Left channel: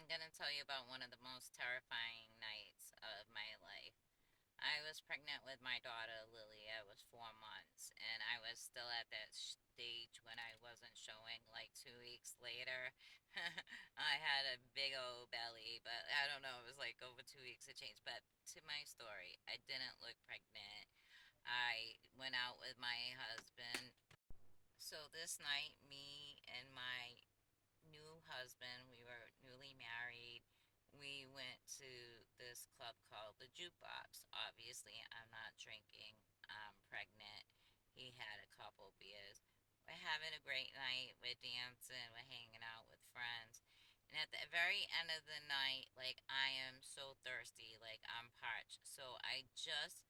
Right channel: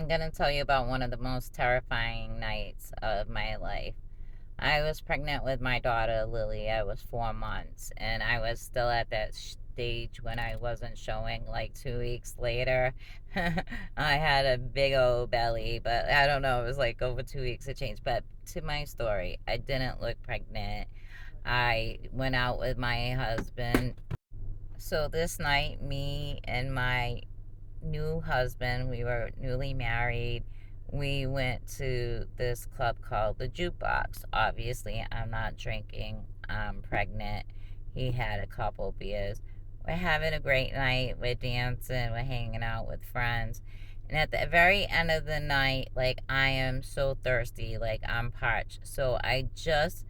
I'm gonna tell you about one of the most terrifying nights of my life. I was pregnant with my daughter Lily. I was 4 months, and I was still at that stage when I wasn't showing. Like 2 weeks later, I had a big old belly, but I don't know. It was like over 2 weeks it changed. But to my story, I didn't look pregnant. I went out with my husband. So this night, me and my new husband, we were newly married. We went to this club called the Jukebox. Obviously, I'm not drinking. I'm pregnant. He had a couple beers. We're having a great night. We're dancing. We're hanging out with friends. And at the very end of the night, like, I am so thirsty. Like, I'm parched. So I just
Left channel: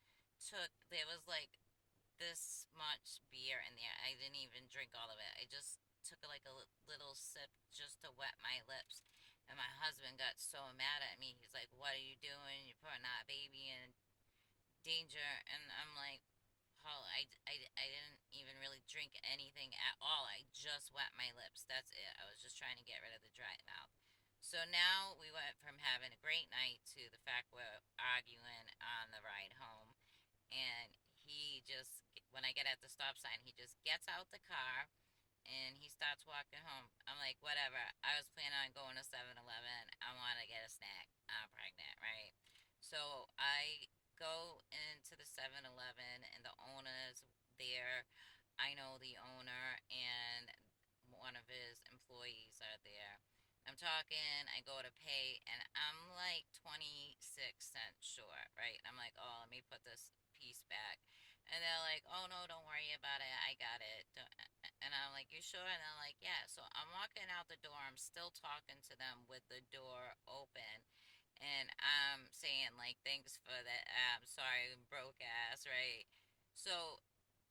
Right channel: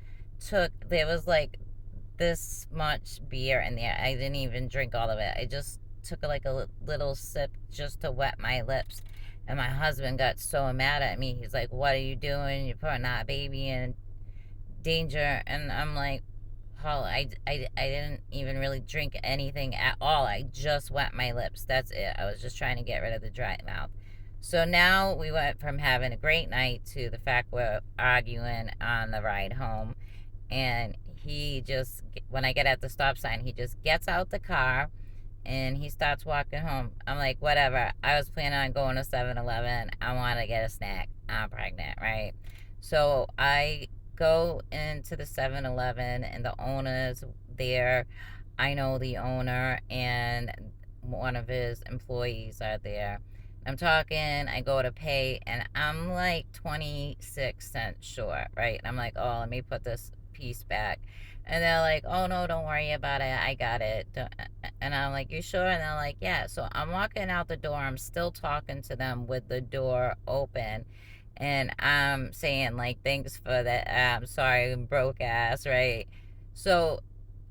there was like this much beer in there. I didn't even drink all of it. I just took like a little sip just to wet my lips. And my husband got so mad at me. He's like, "What are you doing? You're putting that baby in danger." And I'm like, Paul, I didn't even really drink anything at all. I just wet my lips. That's it. I was just trying to get rid of the dry mouth. So now we went from having a great night to the fact we're arguing on the ride home. And he just, when I get at the stop sign, he just gets out the car and he starts walking home. I'm like, whatever. I was planning on going to 7-Eleven. I want to get a snack. I'm pregnant, right? So I go into the 7-Eleven and the owner's there. I know the owner and one of his employees are there. I'm talking, I go to pay, and I'm like 26 cents short, right? And I'm like, oh, let me put this piece back. And they're like, oh, no, don't worry about it. I got it. And I'm like, you sure? And they're like, yeah. So I'm walking out the door. I'm still talking to them with the door open. And I'm saying, like, thanks for that. I'm sorry, broke ass, right? So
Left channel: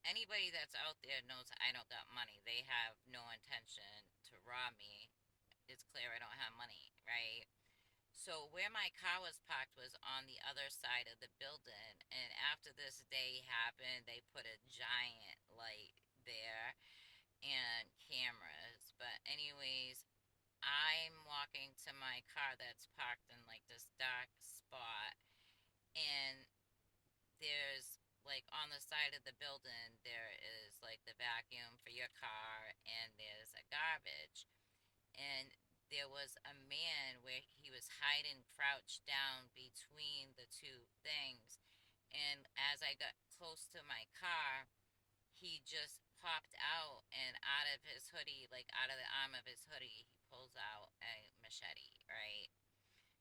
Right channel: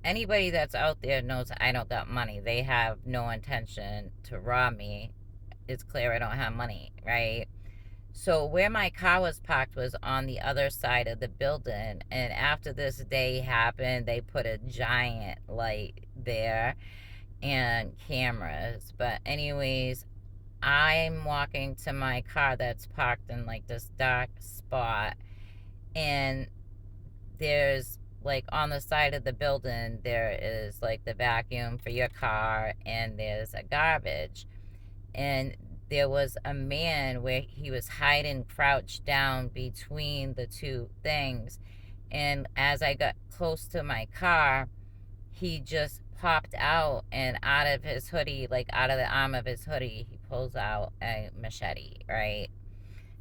anybody that's out there knows I don't got money. They have no intention to rob me. It's clear I don't have money, right? So where my car was parked was on the other side of the building. And after this day happened, they put a giant light there and cameras. But anyways, I'm walking to my car that's parked in like this dark spot, and there's like on the side of the building there is like the vacuum for your car, and there's a garbage. And there was a man where he was hiding crouched down between the two things. And as I got close to my car, he just popped out, and out of his hoodie, like out of the arm of his hoodie, he pulls out a machete, right?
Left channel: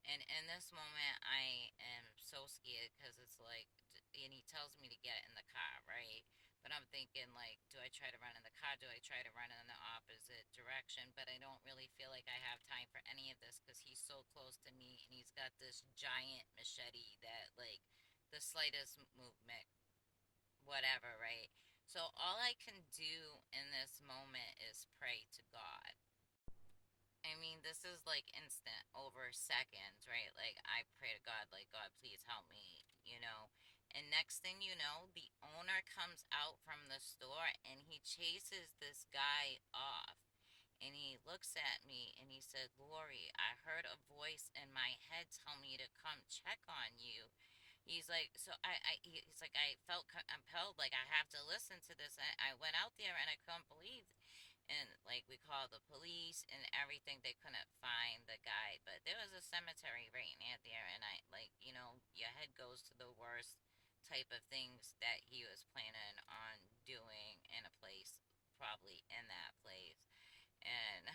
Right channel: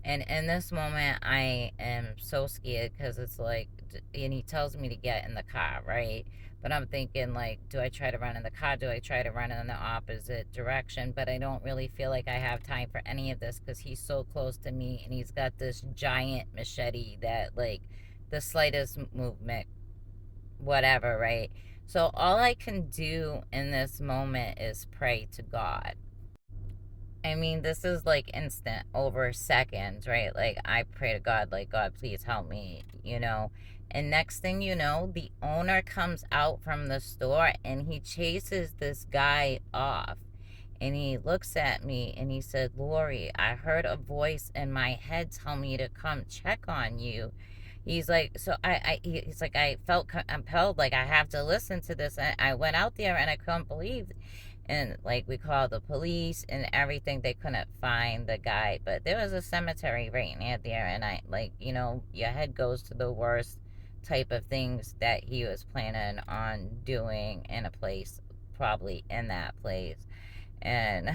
And in this moment, I am so scared because it's like, and he tells me to get in the car, right? But I'm thinking, like, do I try to run in the car? Do I try to run in the opposite direction? But I don't really feel like I have time for any of this because he's so close to me and he's got this giant machete that, like, the slightest movement, whatever, right? So all I can do in this moment is pray to God. I mean, this is like instant over seconds, right? Like, I pray to God, like, God, please help me, you know? And next thing you know, the owner comes out from the store and he chases this guy off. And he looks at me and he said, Lori, I heard a voice in my head tell me to come check on you. He's like, so he's like, I felt compelled, like, I have to listen to this. And I went out there and I couldn't believe, and like we called the police and everything. They couldn't find the guy, but there was a cemetery right near there. And I, like, your head goes to the worst type of things that he was planning on doing in a place, probably in that place. And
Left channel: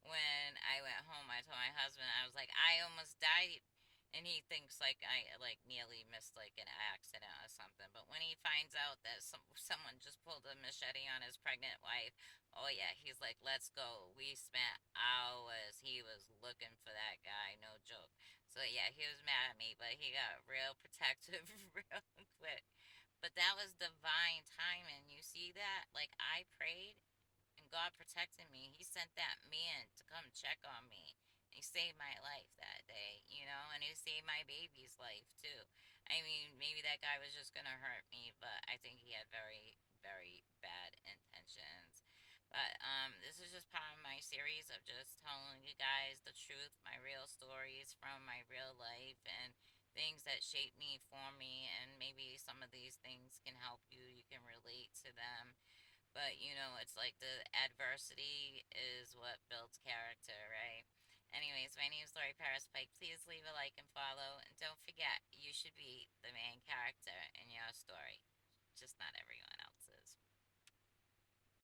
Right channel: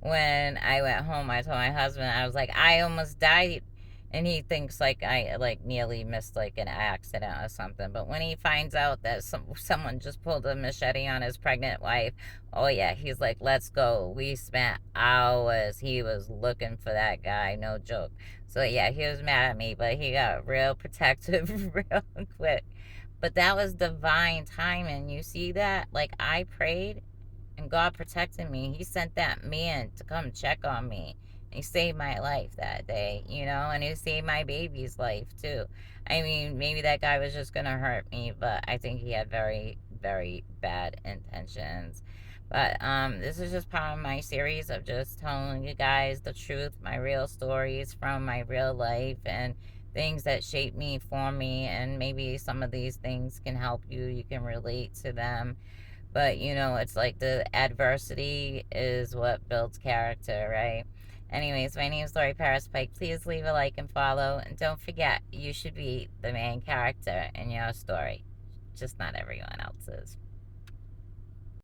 when I went home, I told my husband, I was like, I almost died. And he thinks like I like nearly missed like an accident or something. But when he finds out that someone just pulled a machete on his pregnant wife, oh yeah, he's like, let's go. We spent hours. He was looking for that guy, no joke. So yeah, he was mad at me, but he got real protective real quick. But that was divine timing. You see that? Like, I prayed and God protected me. He sent that man to come check on me. He saved my life that day, and he saved my baby's life too. I mean, maybe that guy was just gonna hurt me, but I think he had very, very bad intentions. But this is just part of my series of just telling you guys the truth, my real stories from my real life, and things that shape me, form me, and maybe some of these things can help you. You can relate to them. But it's like the adversity is what builds character, right? Anyways, my name is Lori Paris Pike. Please leave a like and follow. And don't forget, you should be the main character in your story, just not everyone else's.